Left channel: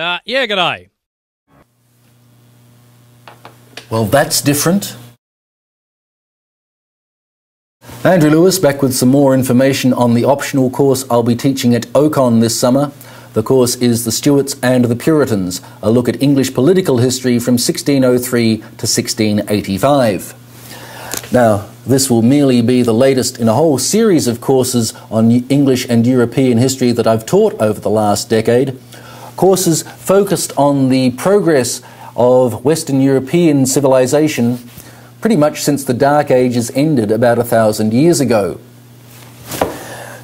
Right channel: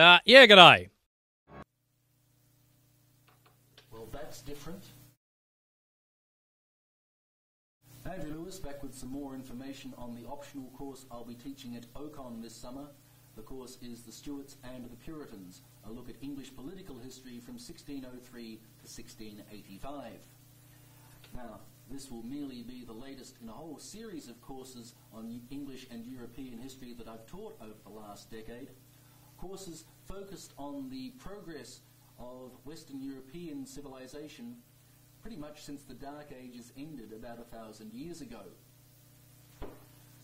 Yeah, g'day. Well, that's different. Andrew Lewis back with some more information on the optional course I'll be teaching at OCON this summer. The course is The Stuarts and The Puritans, a look at English political history from 1603 to 1685. Now, this will merely be the latest in a whole series of courses on English and European history that I've taught over the last decade. Courses focused on the progress of Western European civilization pretty much since the Dark Ages ended about 1,000 years ago.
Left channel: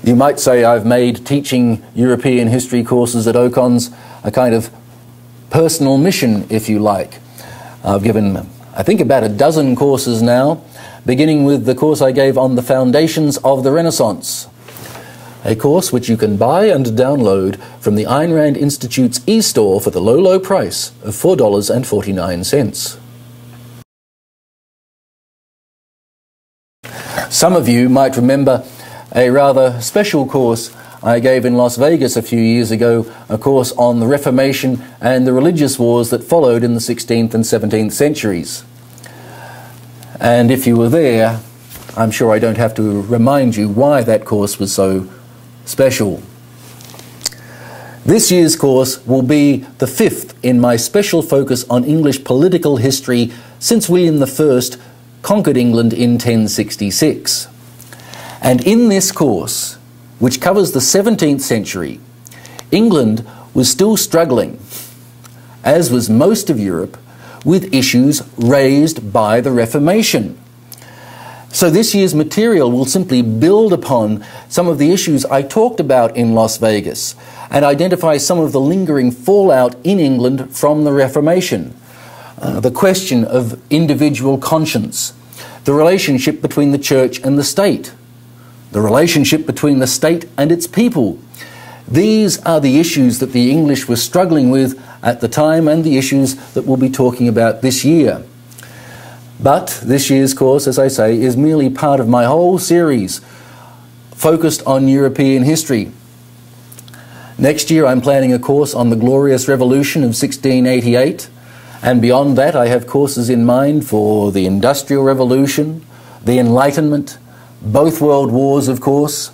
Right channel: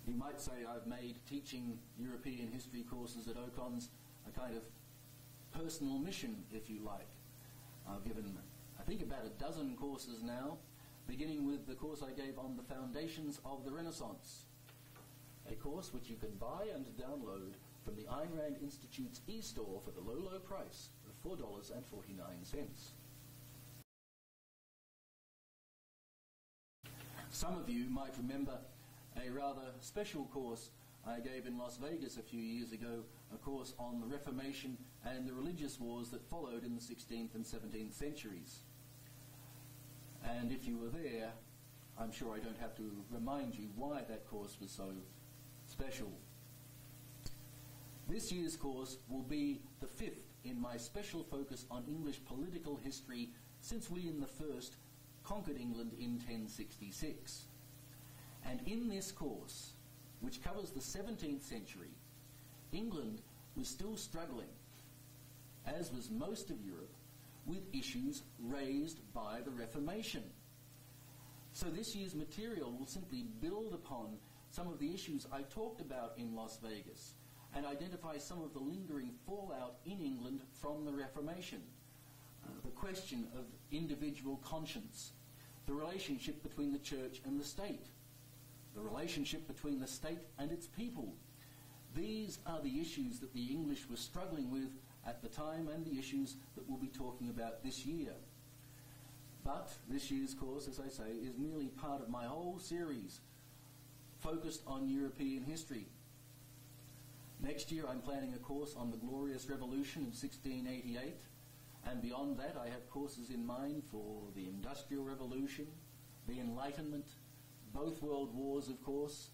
You might say I've made teaching European history courses at OCONs a kind of personal mission, if you like. I've given, I think, about a dozen courses now, beginning with the course I gave on the foundations of the Renaissance, a course which you can buy and download from the Ayn Rand Institute's e-store for the low, low price of $4.49. Some of you might remember a rather special course I gave in Las Vegas a few years ago, a course on the Reformation and the religious wars that followed in the 16th and 17th centuries. And if you were there, I'm sure I don't have to remind you why that course was so special. This year's course will be the fifth in my special focus on English political history since William I conquered England in 1066. And in this course, which covers the 17th century, England was still struggling, as was most of Europe, with issues raised by the Reformation. So this year's material will simply build upon some of the issues I talked about in Las Vegas and identify some of the lingering fallout in England from the Reformation. The question of individual conscience, the relationship between the church and the state, the relationship between the state and its people. These are the issues that the English were struggling with at the time and the issues that we'll be talking about this year. But this year's course, as I say, is merely part of my whole series focused on European history. Next year I'm planning a course on the Glorious Revolution of 1688, and beyond that I have courses in mind for the Industrial Revolution, the Enlightenment, both World Wars, of course.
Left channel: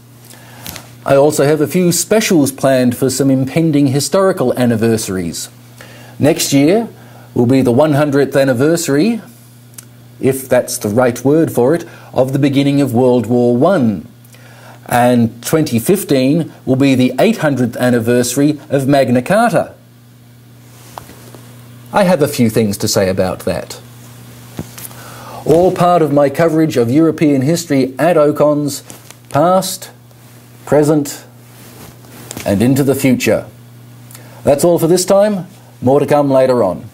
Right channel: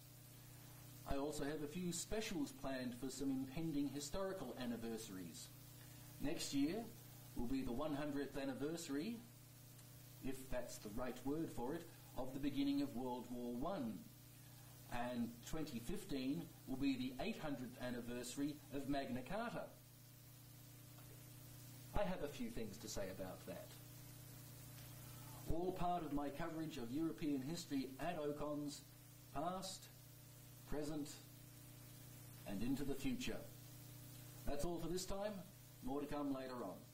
I also have a few specials planned for some impending historical anniversaries. Next year will be the 100th anniversary, if that's the right word for it, of the beginning of World War I. And 2015 will be the 800th anniversary of Magna Carta. I have a few things to say about that. All part of my coverage of European history at OCONs, past, present, and into the future. That's all for this time. More to come later on.